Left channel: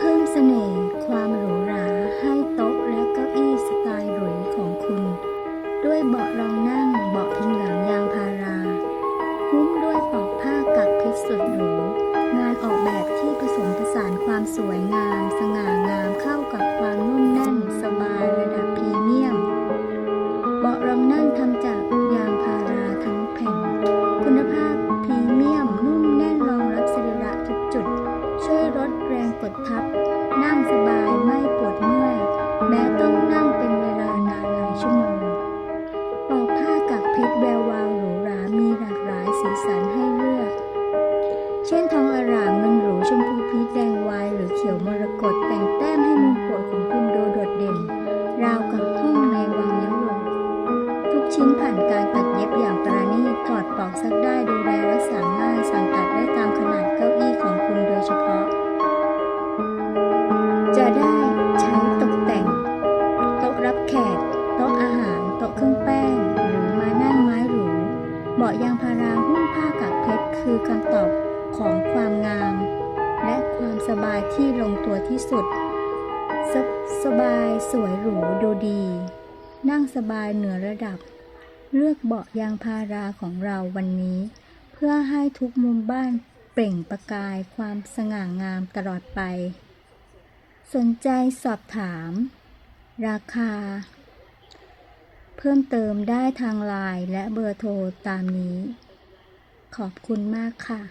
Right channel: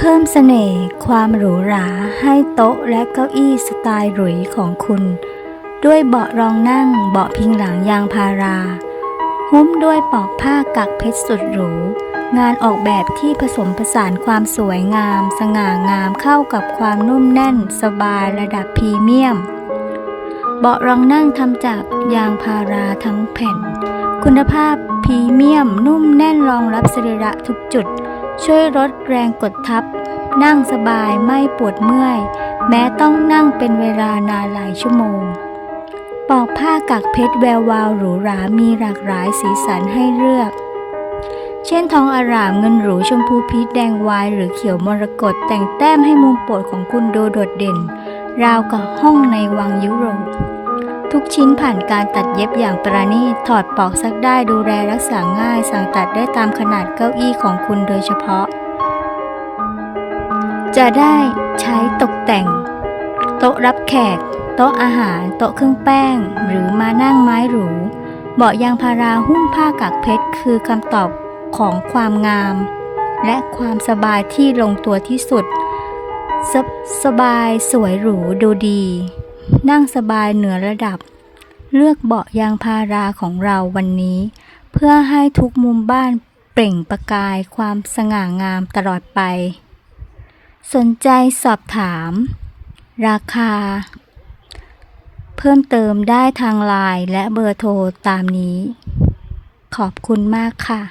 เพิ่มเสน่ห์ความหรูหราให้โต๊ะและเก้าอี้สไตล์หรุยของคุณ ด้วยเบาะรองนั่งเบาะพิงหลังยางพาราหุ้มด้วยปอกผ้ากักเพชรสุดหรู งานออกแบบที่ผสมผสานความสวยงาม สง่างามเข้ากับความนุ่มแน่น สบายระดับพรีเมียม เบาะรองนั่งทำจากยางพาราทั้งแผ่น คุณภาพพรีเมียมนุ่มแน่นรองรับสรีระทุกจุด ช่วยลดแรงกดทับ นั่งสบายไม่ปวดเมื่อย แม้ต้องนั่งเป็นเวลานานหลายชั่วโมง ปอกผ้ากักเพชรแวววาวหรูหรา มีหลากหลายสีสันให้เลือก เช่นทองอรามเงินหรูชมพูพีชแดงวาย หรือเขียวมรกตแต่งแต้มให้มุมโปรดของคุณดูโดดเด่น ราวกับห้องในวังยุโรป ทุกชิ้นผ่านการตัดเย็บอย่างประณีต ถอดปอกซักได้ดูแลรักษาง่าย สั่งตัดได้ตามขนาดเก้าอี้ของคุณโดยเฉพาะ จะได้ใช้ตกแต่ง โต๊ะรับแขก โต๊ะอาหาร โต๊ะเครื่องแป้ง หรือมานั่งไม้หรู เบาะยางพาราหุ้มผ้ากักเพชร คือคำตอบของความงาม และความสบายที่ลงตัวที่สุด สสบายสวยหรูดูดี นั่งสบายเหนือระดับ เลือกเบาะยางพาราของเราวันนี้ เพื่อให้ทุกมุมบ้านเปล่งประกายความสง่างามตลอดไป สนใจสอบถาม ราคา เพิ่มเติมได้ทางไลน์และเบอร์โทรตามนี้ ขอบคุณมากค่ะ